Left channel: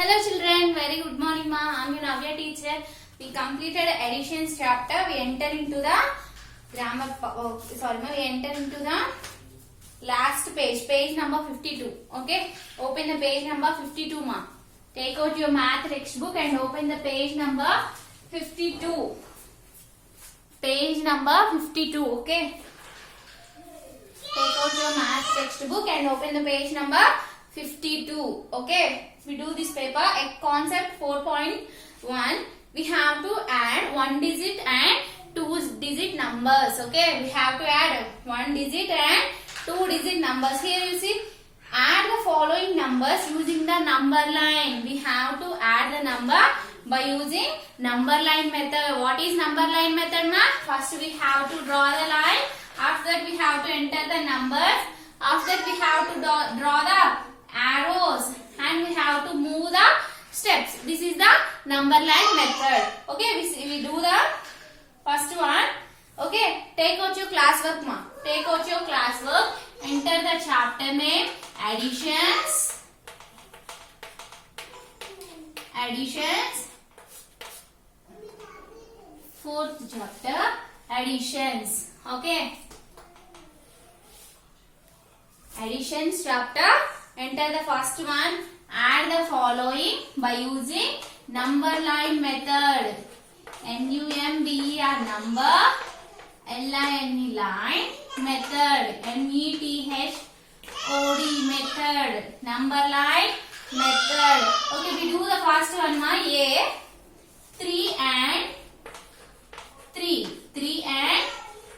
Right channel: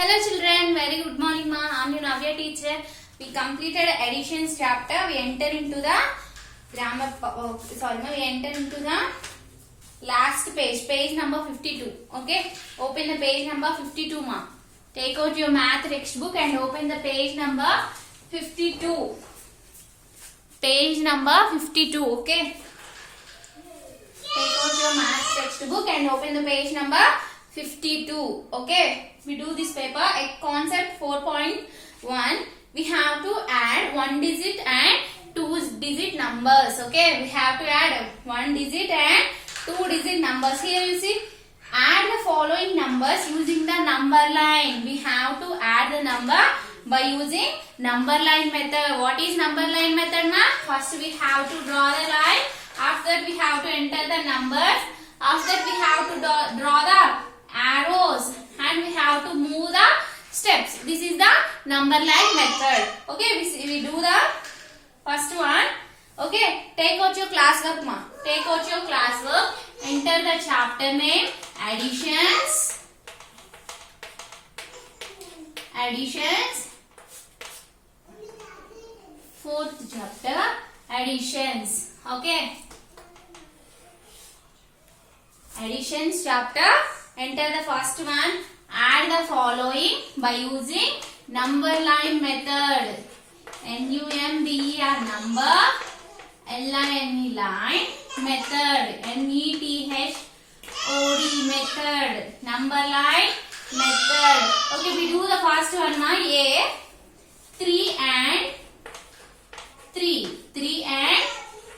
Hello children, very good morning ma. I am your Navya teacher. We completed additions chapter. We enter into the grammar. We enter into the last page, page number 52. Okay, open the page number 52 ma. Take out your math textbook and open the page number 52. Page number 52. Okay. Take out your math textbook and open the page number 52. Okay. We do this paper at concept 4.1. We have to add 1 digit and 2 digit numbers. Okay. We have to add 1 digit and 2 digit numbers. Here you see, add the following numbers using the number line. We have to add the number by using number line method. What is number line method ma? First we have to draw the line. After that we have to enter the numbers. After that we have to draw the arrows and we have to move the steps. This is the number line method. Okay, we do the first one. Okay, take out your classwork ma. Take out your classwork. Enter the chapter name additions. Additions. Fourth chapter additions. Okay. Additions chapter. Enter the first one. Add the following by using number line method. NUMBER number. LINE line method. METHOD method. Number line method. Okay, we do the first one ma. A 3 and 3. 3 and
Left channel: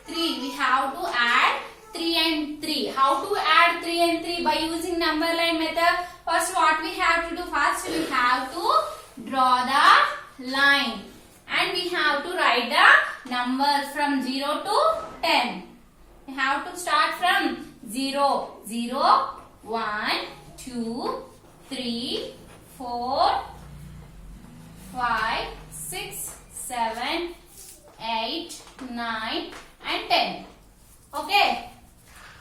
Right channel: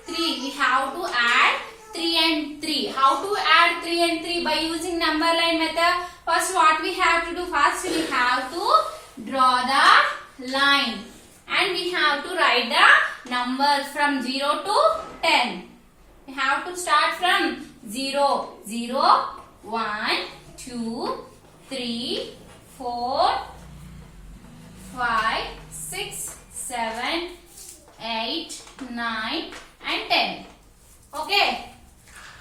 3. We have to add 3 and 3. How to add 3 and 3? By using number line method. First what we have to do? First we have to draw the line. And we have to write the numbers from 0 to 10. We have to start from 0. 0, 1, 2, 3, 4, 5, 6, 7, 8, 9 and 10. Okay.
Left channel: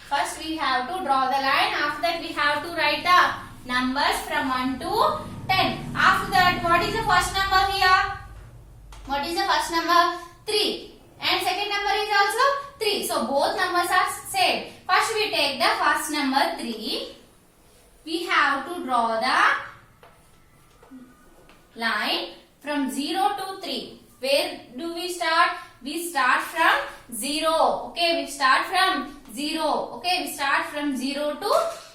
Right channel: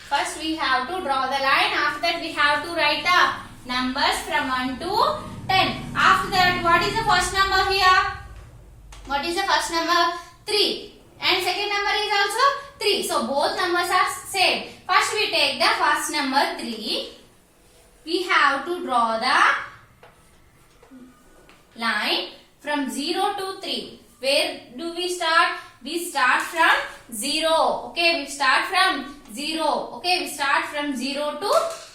First we have to draw the line. After that we have to write the numbers from 1 to 10. After that what is the first number here? What is the first number? 3. And second number is also 3. So both numbers are same. First we take the first number 3. We have to draw the line from 0 to 3. Where do we start? We start from 0. Okay, we start from 0. Okay, we start from 0 to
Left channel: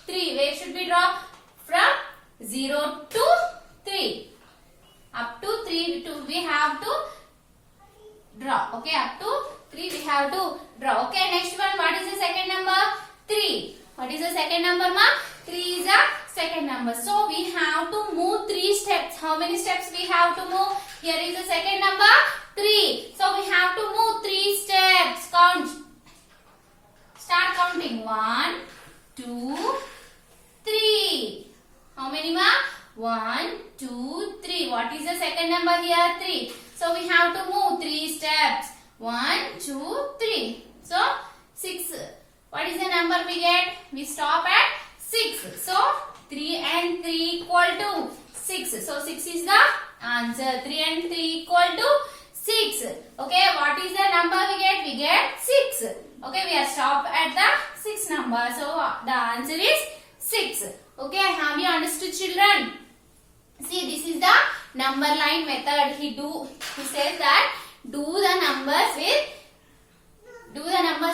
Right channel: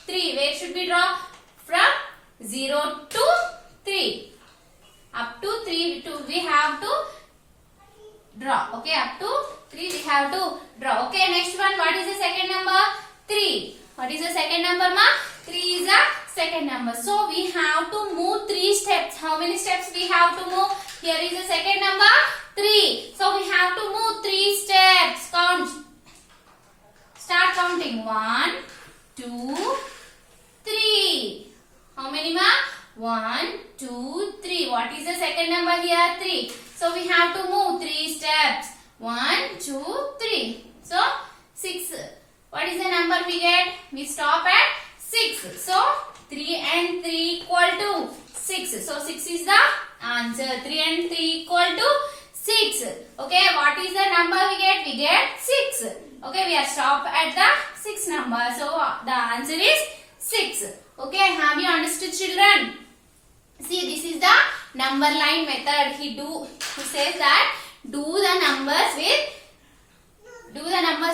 3. Where should we draw? From 0 to 3. Up to 3 we have to draw. Okay, up to 3 we have to draw. Okay, next one. What is the second number? 3. What is the second number ma? 3 is the second number. So we have to move 3 steps. How many steps we have to move? Here is the second number 3. So we have to move 3 steps. Count. Start counting. 1, 2, 3. How many ma? 1, 2, 3. What is the second number here? 3. So we have to move 3 steps. 1, 2, 3. So 6. What is the number we get? We stop at 6. So 3 and 3 equal to 6. So 6 is the answer. 3 and 3 equal to 6. Okay, what is the number we get? We get 6. Okay, we are stopped at the 6 number. So the answer is 6. Okay, have you understood children? See, this is the number line method. He says that do the numbers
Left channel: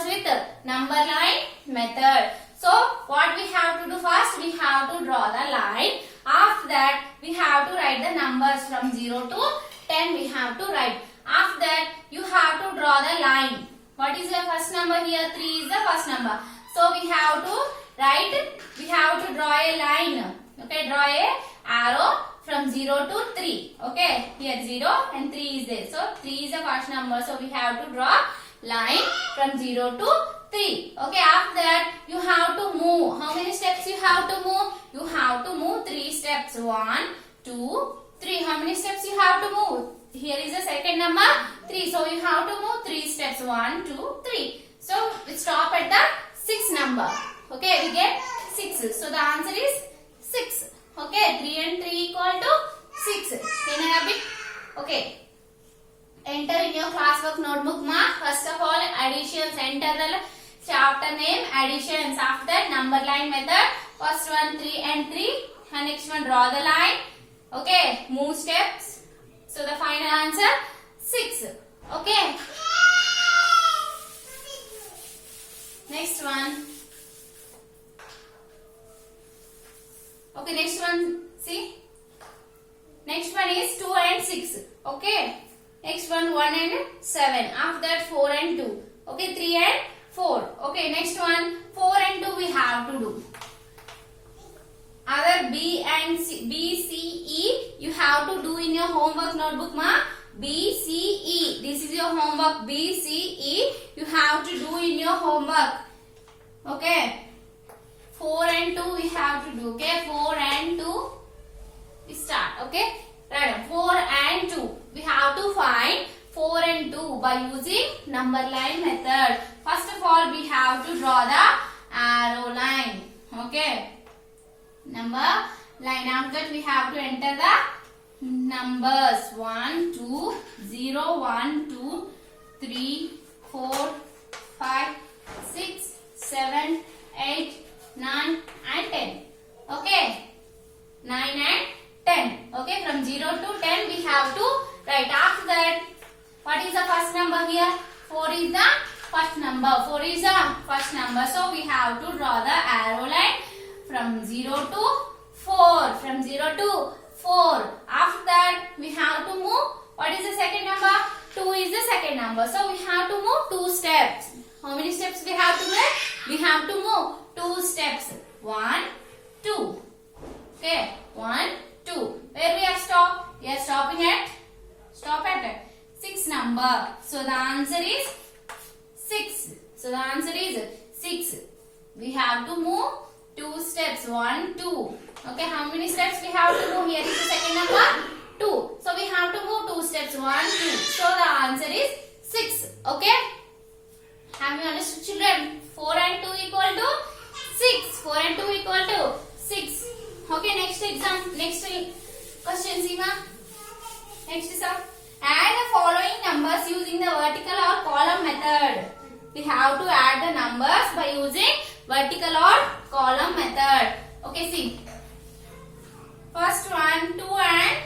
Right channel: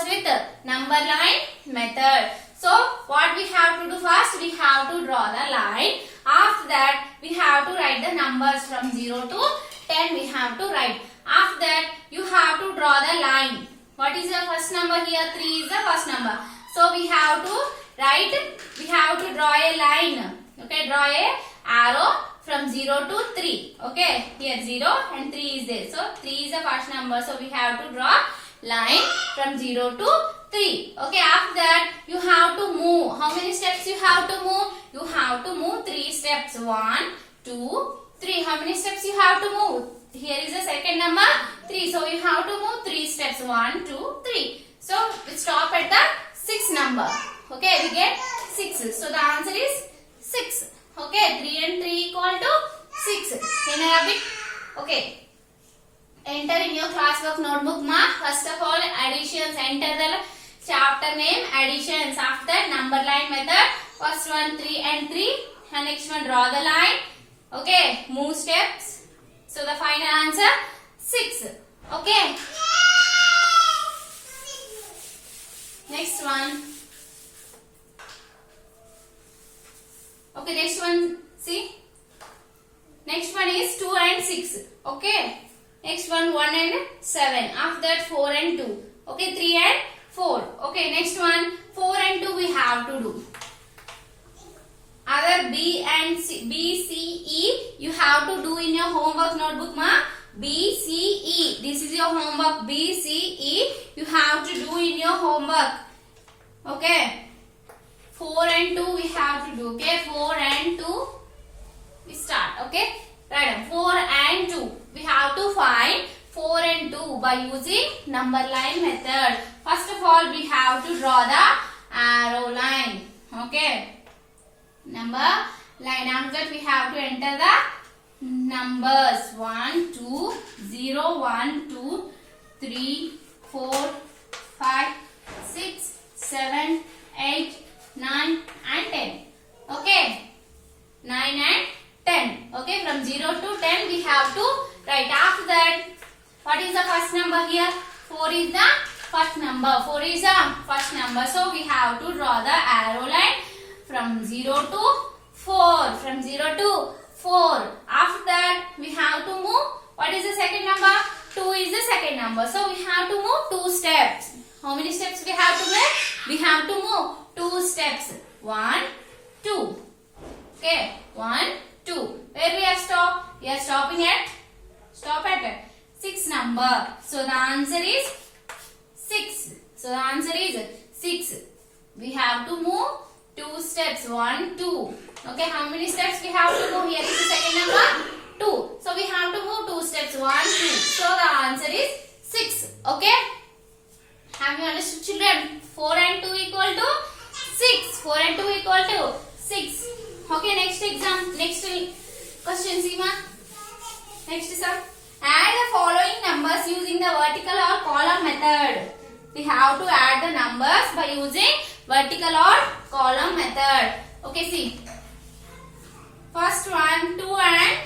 with number line method. So what we have to do first? We have to draw the line. After that we have to write the numbers from 0 to 10. We have to write. After that you have to draw the line. What is the first number here? 3 is the first number. So we have to write. We have to draw a line. Okay, draw a arrow from 0 to 3. Okay, here 0 and 3 is there. So 3 is the first number. So we have to draw line from 0 to 3. Okay, after that you have to move. How many steps you have to move? You have to move 3 steps. 1, 2, 3. How many steps you have to move? Here is the second number 3. So you have to move 3 steps. 1, 2, 3. So we stop at the 6th number. Okay, we get 6. So the answer is 6. Okay, 3 and 3 equal to Okay. Enter in your classwork notebook ma. First of all, additions. Enter the chapter name, additions. After that, number line method. First one 3 and 3. And next one, draw the line. Okay. Move steps. So the final answer 6. Okay. Next one. Okay, next one. See. Next one is 2 and 6. Okay. Next one 1 and 7. After that 4 and 2. Okay, 3 and 4. Okay, next one 4 and 2 we have to do. Other B and C, B, C, E you have to do in your homework notebook ma. B, C, E. This is your homework. B, C, E. You have to do in your homework. Okay. 4 and 2 we have to do. Okay. 4 and 2 we start. Okay. Right. 4 and 2. We have to find 4 and 2 by using number line method. First of all, we have to draw the arrow line. Okay. Number line. After that, we have to enter the numbers 1, 2, 0, 1, 2, 3, 4, 5, 6, 7, 8, 9 and 10. Okay. 9 and 10. Okay. From 0 to 10 we have to write. After that, what is the first number here? 4 is the first number. 4 is the first number. So we have to draw the arrow line from 0 to 4. From 0 to 4. After that, we have to move. What is the second number? 2 is the second number. So we have to move 2 steps. How many steps we have to make? We have to move 2 steps. 1, 2. Okay. 1, 2. Where we are stopped? We are stopping at 6 number. So the answer is 6. So the answer is 6. We have to move 2 steps. 1, 2. Okay, how many steps we have to move? Here is the second number 2. So we have to move 2 steps. 1, 2. So the answer is 6. Okay. Have you understood, children? 4 and 2 equal to 6. 4 and 2 equal to 6. Okay, next exam. Next question, Seema. Next is add the following numbers using the vertical or column method. We have to add the numbers by using vertical or column method. Okay, see. First one, 2 and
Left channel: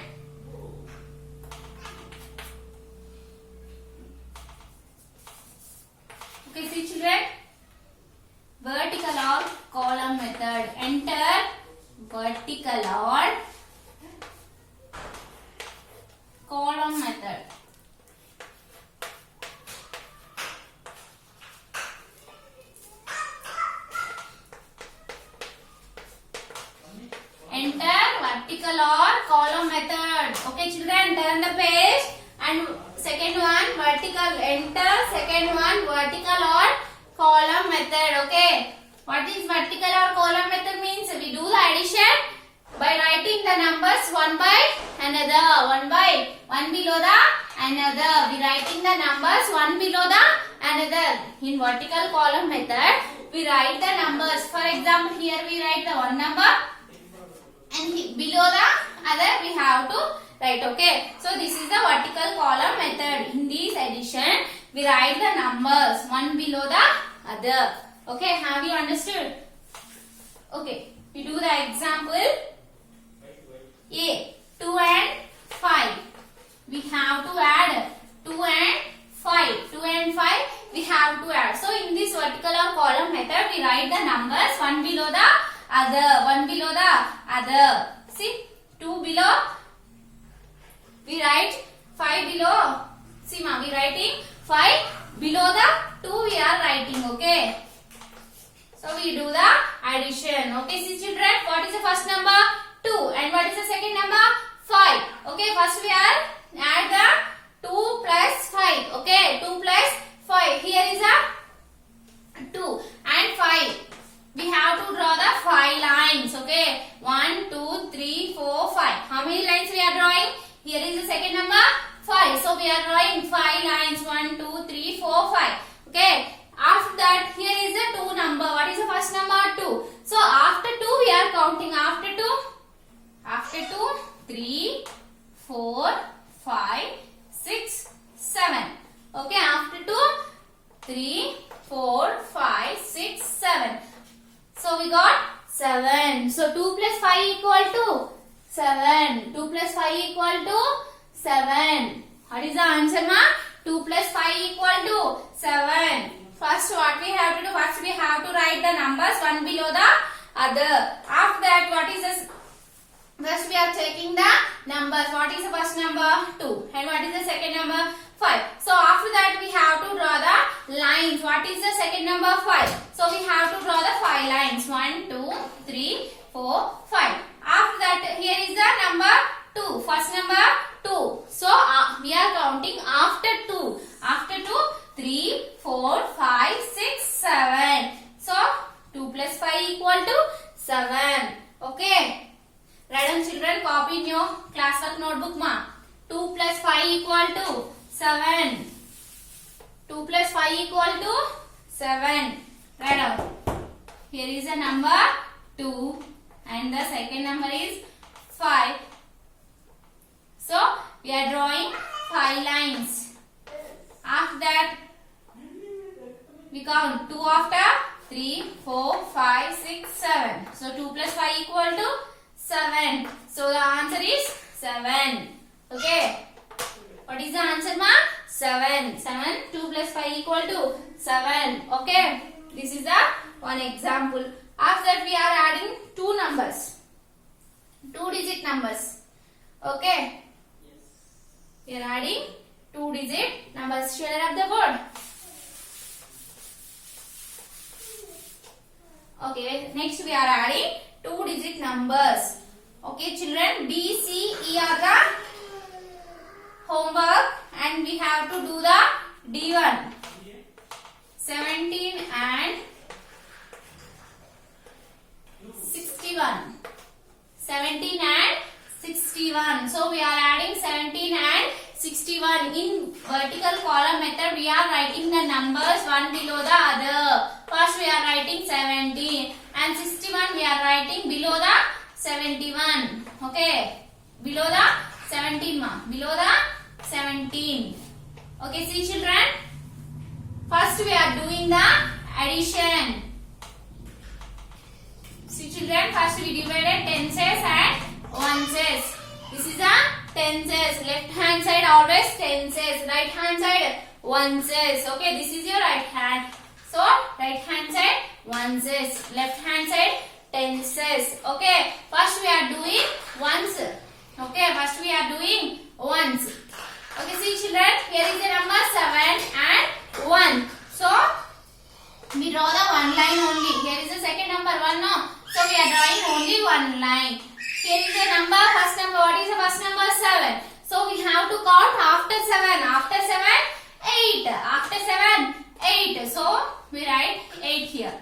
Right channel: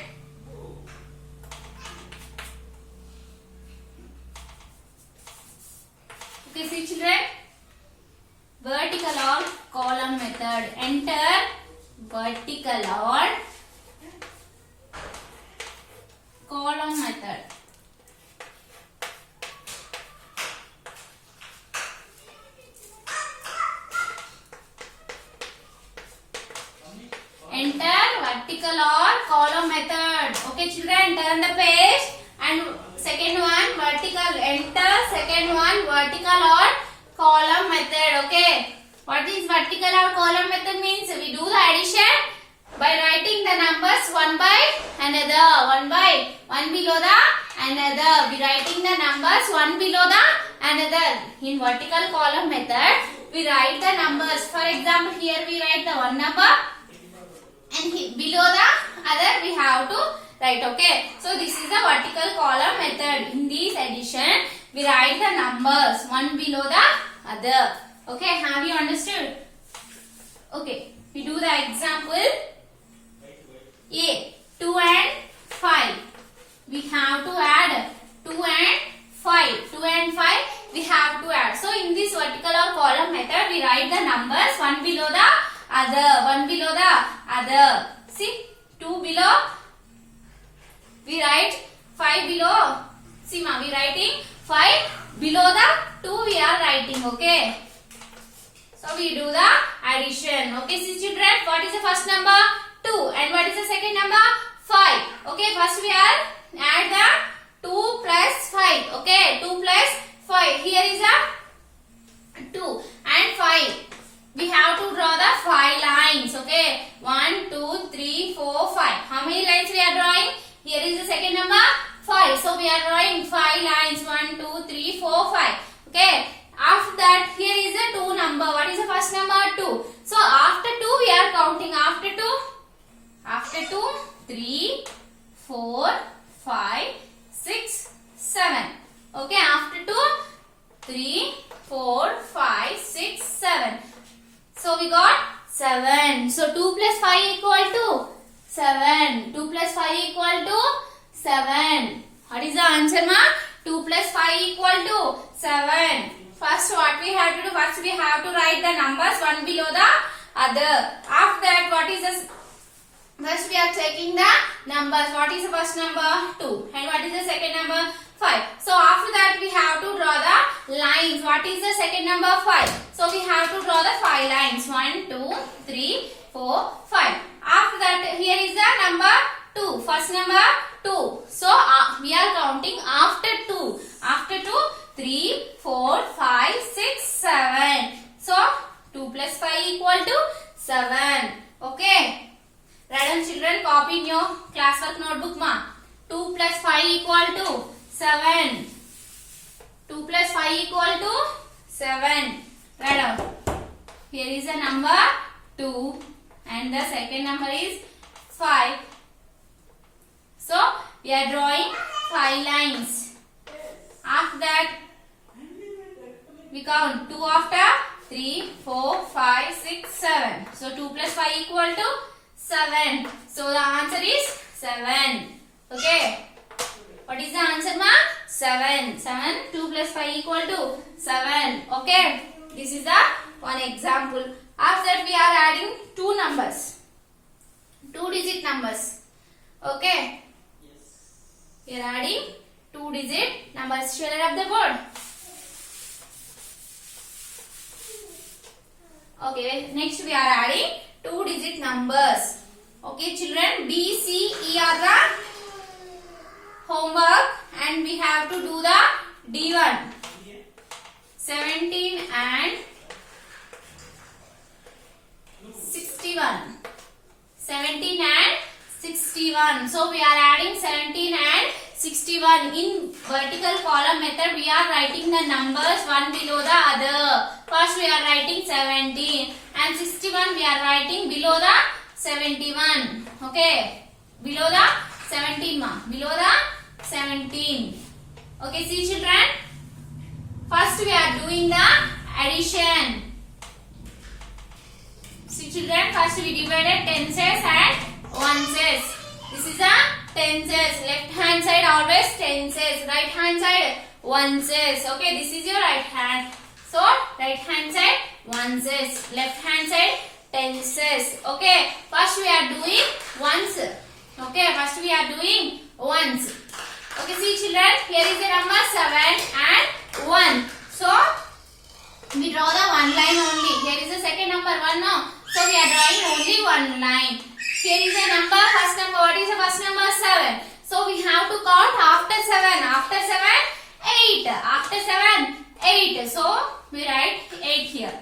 okay, see children. Vertical or column method. Enter vertical or column method. Enter vertical or column method. Okay, children, turn the page and second one vertical. Enter second one vertical or column method. Okay. What is vertical or column method means? We do the addition by writing the numbers one by another. One below the another. We writing the numbers one below the another. In vertical column method, we write the numbers. For example, here we write the one number. And below the other we have to write. Okay. So this is the vertical column method. In this addition, we write the numbers one below the other. Okay. Have you understood? Okay. We do the example. A. 2 and 5. We have to add 2 and 5. 2 and 5 we have to add. So in this vertical or column method, we write the numbers one below the other. One below the other. See, 2 below. We write 5 below. See ma, we writing 5 below the 2 we are writing. Okay. So we do the addition. Okay, see children, what is the first number? 2. And what is the second number? 5. Okay, first we are add the 2 plus 5. Okay, 2 plus 5. Here is a 2 and 5. We have to draw the 5 lines. Okay, 1, 2, 3, 4, 5. How many lines we are drawing? Here is the second number 5. So we are drawing 5 lines. 1, 2, 3, 4, 5. Okay. After that, here is the 2 number. What is the first number? 2. So after 2 we are counting. After 2, 3, 4, 5, 6, 7. Okay, after 2, 3, 4, 5, 6, 7. So we got 7. So 2 plus 5 equal to 7. 2 plus 5 equal to 7. What is the answer, ma? 2 plus 5 equal to 7. First what we have to do? First we have to write the numbers one below the other. After that, what is the first we are checking the numbers. What is the first number? 2. And what is the second number? 5. So after that we have to draw the lines. What is the second number? 5. So we have to draw the 5 lines. 1, 2, 3, 4, 5. After that here is the number 2. First number 2. So we are counting after 2. After 2, 3, 4, 5, 6, 7. So 2 plus 5 equal to 7. Okay. Write down, children, copy in your classwork notebook, ma. 2 plus 5 equal to 7. 2 plus 5 equal to 7. Write down. Here is a number 2 and the second number is 5. So we are drawing 5 lines. After that we count 2 after 3, 4, 5, 6, 7. So 2 plus 5 equal to 7. So the answer is 7. Okay. What is the answer, ma? 7. 7. 2 plus 5 equal to 7. Okay. This is the one example. After that we are adding two numbers. 2-digit numbers. Okay. We are adding 2-digit numbers. Shall I up the board? Okay. Next we are adding 2-digit numbers. Okay, children, B, C, E are the homework and we have to do the D1. 17 and 61. 17 and 61. So we are adding 17 and 61. In vertical column method, we are writing the numbers one below the other. First we are writing 17 and 61 we are writing below the 71. Okay. Below the 17, ma. Below the 17. Okay, see children. First we are doing the addition. See children, first we divided tenses and oneses. This is a tenses. Left hand side always tenses. Right hand side oneses. Okay, this is your right hand. So right hand side oneses. Left hand side tenses. Okay, first we are doing ones. Okay, first we are doing ones. Okay, see children, here is the number 7 and 1. So we draw the one line only. Here is the second number 1 now. So we are drawing only one line. Here is the number, first number. What is the first number? 7. So we have to count after 7. After 7, 8. After 7, 8. So we write 8 here.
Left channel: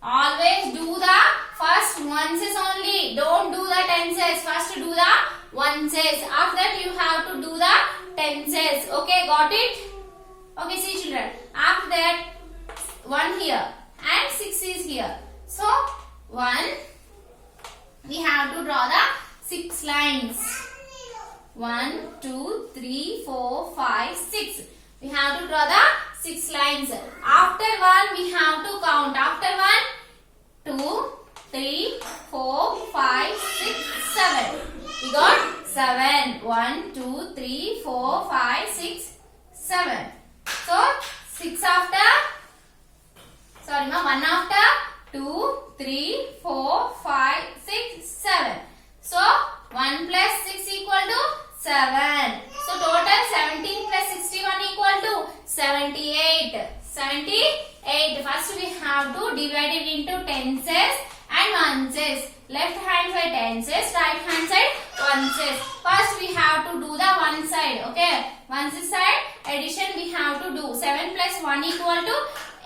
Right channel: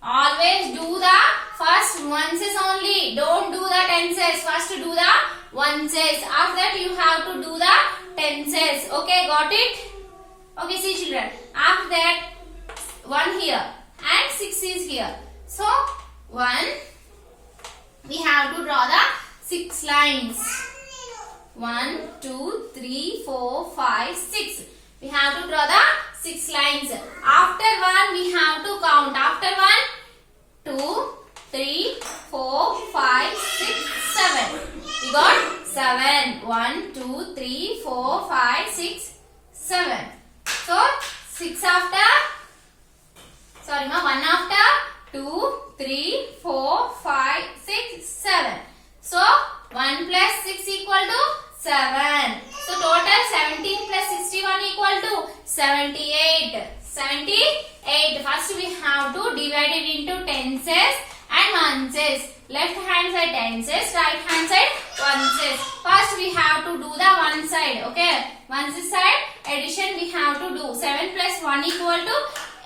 Always do the first oneses only. Don't do the tenses. First do the oneses. After that you have to do the tenses. Okay, got it? Okay, see children. After that 1 here and 6 is here. So 1, we have to draw the 6 lines. 1, 2, 3, 4, 5, 6. We have to draw the 6 lines. After 1, we have to count. After 1, 2, 3, 4, 5, 6, 7. We got 7. 1, 2, 3, 4, 5, 6, 7. So 6 after, sorry ma, 1 after, 2, 3, 4, 5, 6, 7. So 1 plus 6 equal to 7. So total 17 plus 61 equal to 78. 78. First we have to divide it into tenses and oneses. Left hand side tenses, right hand side oneses. First we have to do the one side. Okay. Oneses side addition we have to do. 7 plus 1 equal to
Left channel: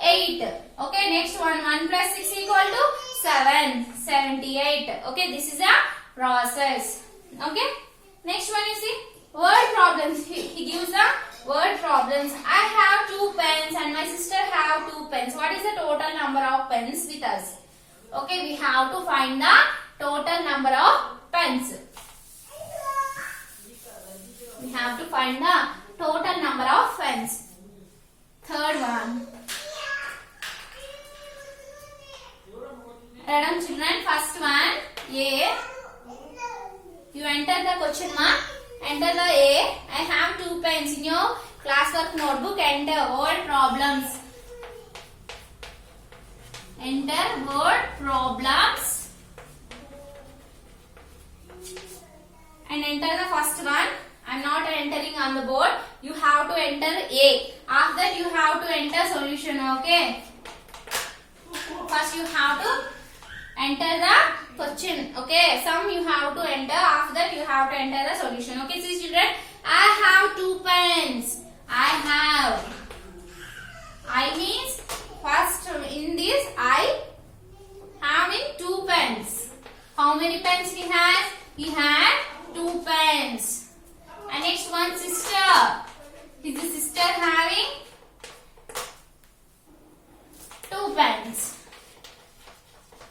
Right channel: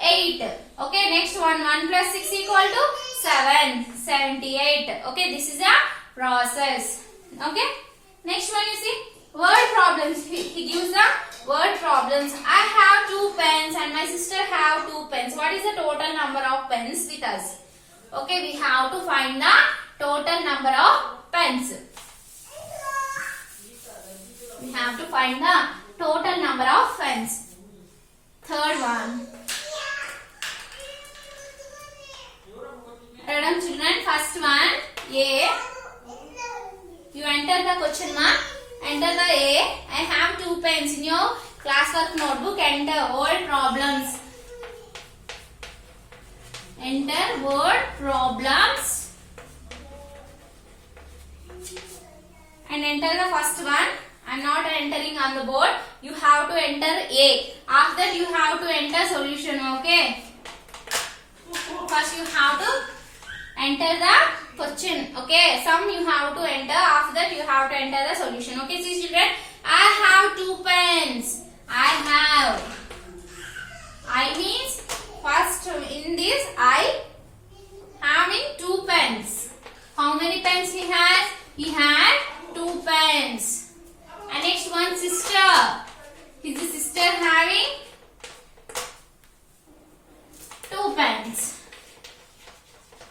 8. Okay. Next one. 1 plus 6 equal to 7. 78. Okay. This is a process. Okay. Next one you see. Word problems. He gives the word problems. I have 2 pens and my sister have 2 pens. What is the total number of pens with us? Okay, we have to find the total number of pens. We have to find the total number of pens. Third one. Madam children, first one A. You enter the question mark. Enter the A. I have 2 pens in your classwork notebook. Enter word problems. Enter word problems. And enter the first one. I am not entering on the board. You have to enter A. After that you have to enter solution. Okay. First you have to enter the question. Okay. Sum you have to enter. After that you have to enter the solution. Okay. See children. I have 2 pens. I means first in this I having 2 pens. How many pens he has? He had 2 pens. And next one sister. Is the sister having 2 pens?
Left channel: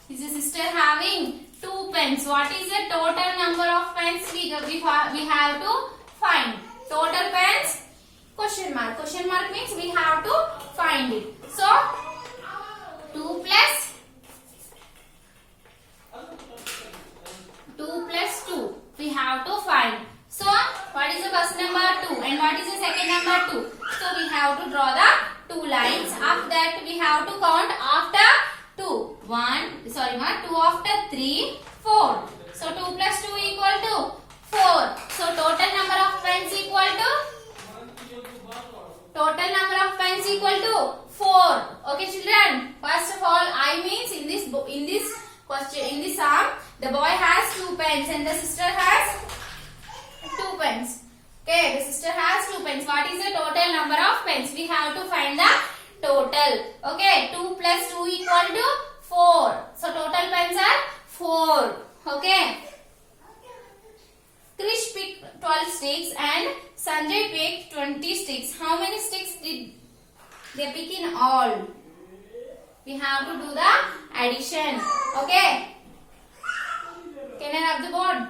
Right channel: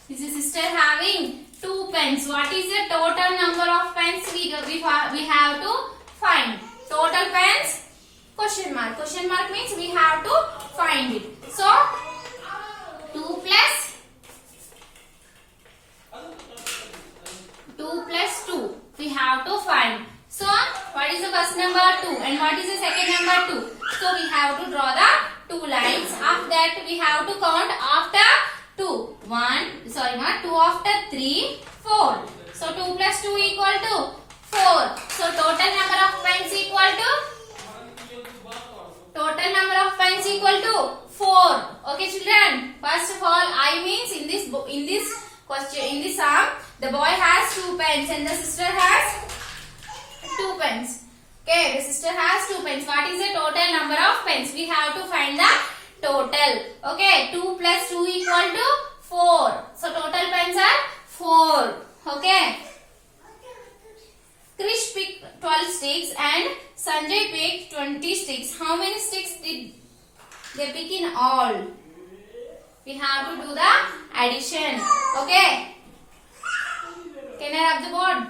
Is the sister having 2 pens? What is the total number of pens we have to find? Total pens? Question mark. Question mark means we have to find it. So 2 plus 2 we have to find. So what is the first number? 2. And what is the second number? 2. So we have to draw the 2 lines. After that we have to count after 2. 2 after 3, 4. So 2 plus 2 equal to 4. So total number of pens equal to 4. Okay children. First of all, I means in this question, in this sum, the boy has 2 pens and the sister has 2 pens. Okay, the sister has 2 pens. What is the total number of pens? We have to find the total. Okay, 2 plus 2 equal to 4. So total pens are 4. Okay. Krish picked 12 sticks and Sanjay picked 20 sticks. How many sticks did they pick in all? We have to do the addition. Okay. Can I rub the board?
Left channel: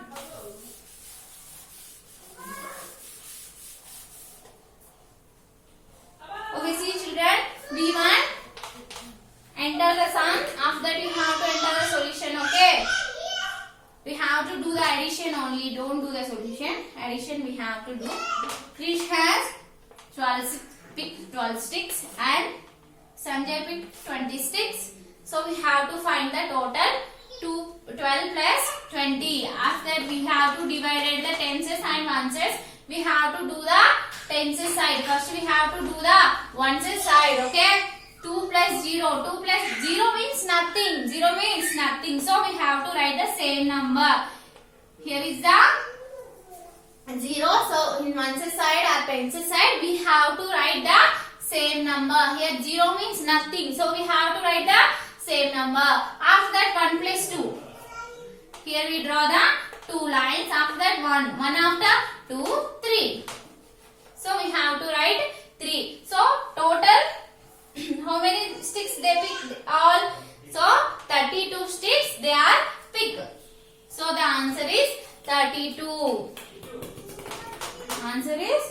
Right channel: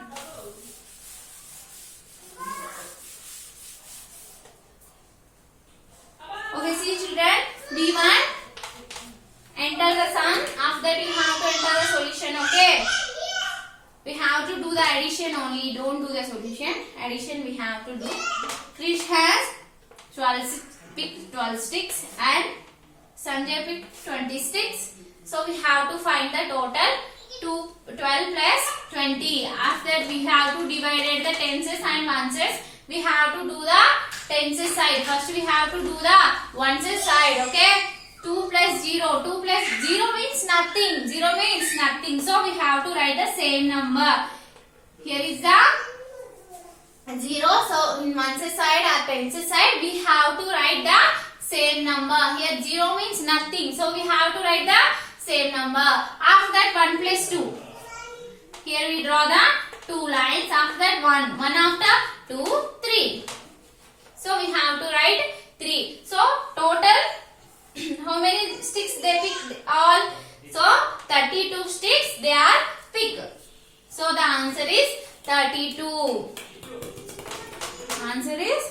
Okay, see children, B1, enter the sum. After that you have to enter the solution. Okay. We have to do the addition only. Don't do the solution. Addition we have to do. Krish has picked 12 sticks and Sanjay picked 20 sticks. So we have to find the total. 12 plus 20. After that we have to divide the tenses and oneses. We have to do the tenses side. First we have to do the oneses side. Okay. 2 plus 0. 2 plus 0 means nothing. 0 means nothing. So we have to write the same number. Here is the 0. So in oneses side or penses side we have to write the same number. Here 0 means nothing. So we have to write the same number. After that 1 plus 2. Here we draw the 2 lines. After that 1. 1 after 2, 3. So we have to write 3. So total how many sticks they picked? All. So 32 sticks they are picked. So the answer is 32. Answer is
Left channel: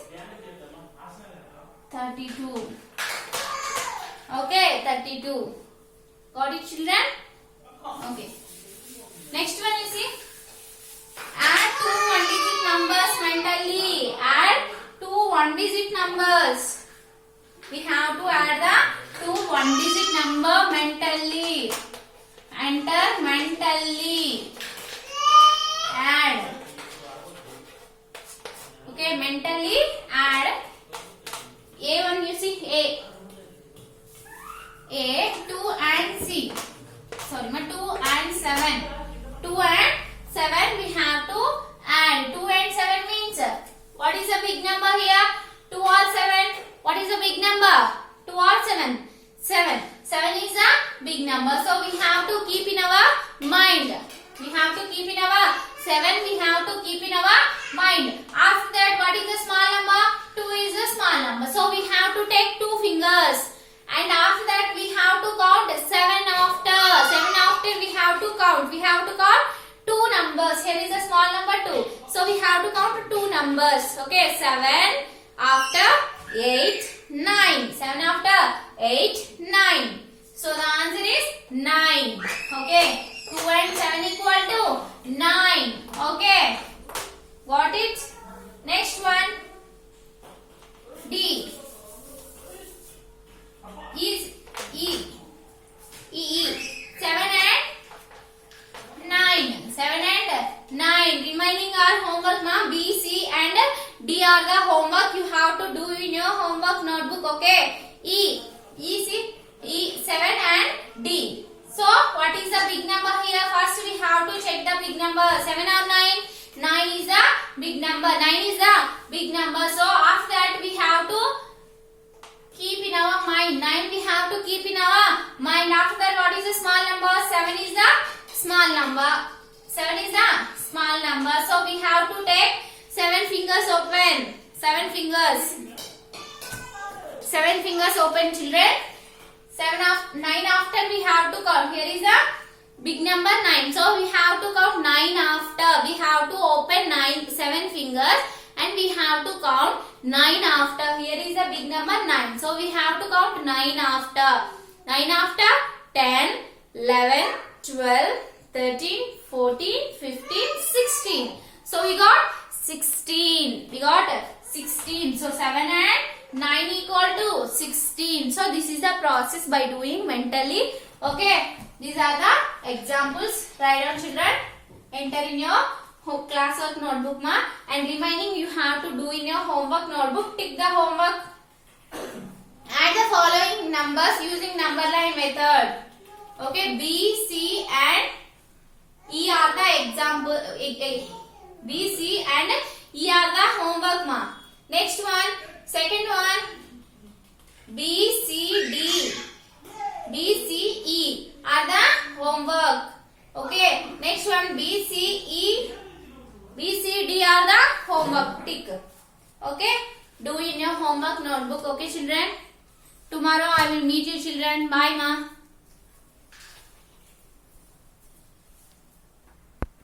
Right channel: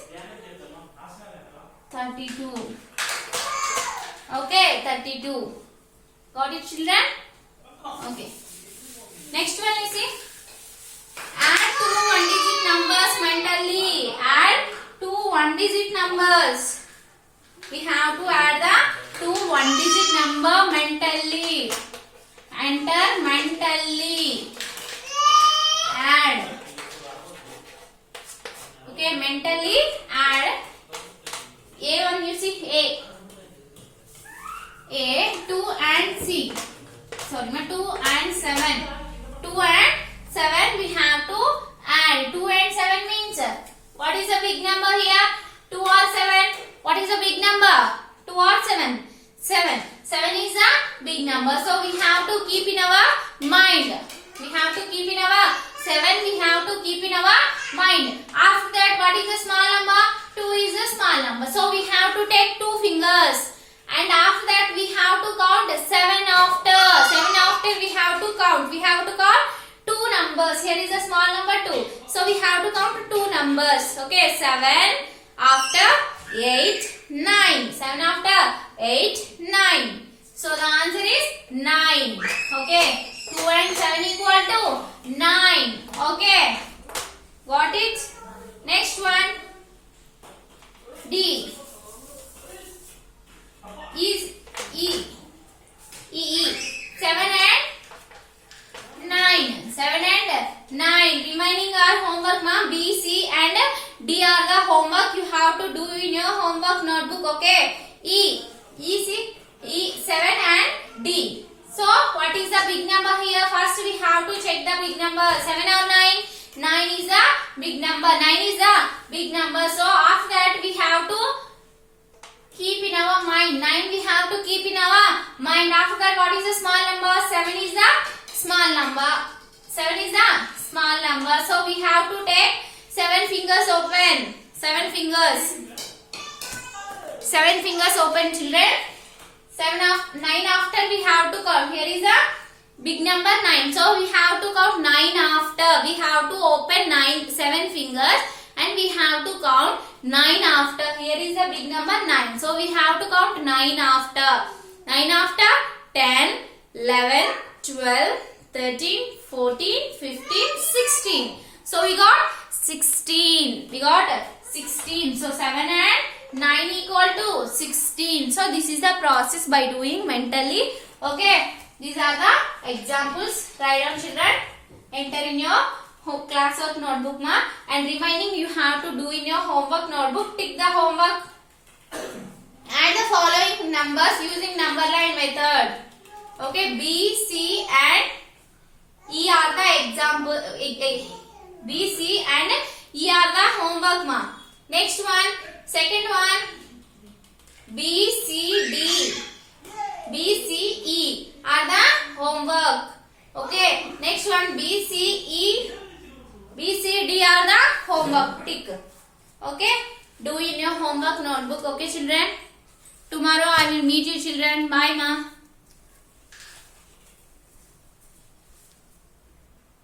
32. Okay, 32. Got it children? Okay. Next one you see. Add 2 one-digit numbers mentally. Add 2 one-digit numbers. We have to add the 2 one-digit number mentally. Enter mentally. Add. Okay, mentally add. A1 you see A, 2 and C. 2 and 7. 2 and 7 we have to add. 2 and 7 means what is the big number here? 2 or 7? What is the big number? 2 or 7? 7. 7 is a big number. So we have to keep in our mind. We have to keep in our 7 we have to keep in our mind. After that what is the small number? 2 is a small number. So we have to take 2 fingers. And after that we have to count 7 after. 7 after we have to count. We have to count 2 numbers. Here is a small number 2. So we have to count 2 numbers. Okay, 7. after 8, 9. 7 after 8, 9. So the answer is 9. Okay. 2 and 7 equal to 9. Okay. Got it? Next one. D. Is E. E. 7 and 9. 7 and 9. Remaining are homework, ma. B, C and D are the homework you have to do in your homework notebook. Okay. E. E, see? E, 7 and D. So, what is the big number here? First, we have to check the big number. 7 or 9? 9 is a big number. 9 is a big number. So, after that, we have to keep in our mind. 9 we have to keep in our mind. After that, what is a small number? 7 is a small number. 7 is a small number. So, we have to take 7 fingers open. 7 fingers. 7 fingers open, children. 9 after we have to count. Here is a big number 9. So we have to count 9 after. We have to open 7 fingers and we have to count 9 after. Here is a big number 9. So we have to count 9 after. 9 after 10, 11, 12, 13, 14, 15, 16. So we got 16. We got 16. So 7 and 9 equal to 16. So this is the process by doing mentally. Okay. These are the examples. Write down, children. Enter in your classwork notebook, ma. And remaining you have to do in your homework notebook. Tick the homework. Add the following numbers using number line method. Okay. B, C and E are the example. B, C and E are the homework, ma. Next one. Second one. B, C, D. B, C, E are the homework. Okay. Next one. B, C, E. B, C, D are the homework. Tick. Okay. Do in your homework notebook. Okay, children. Tomorrow I will meet you, children. Bye, ma.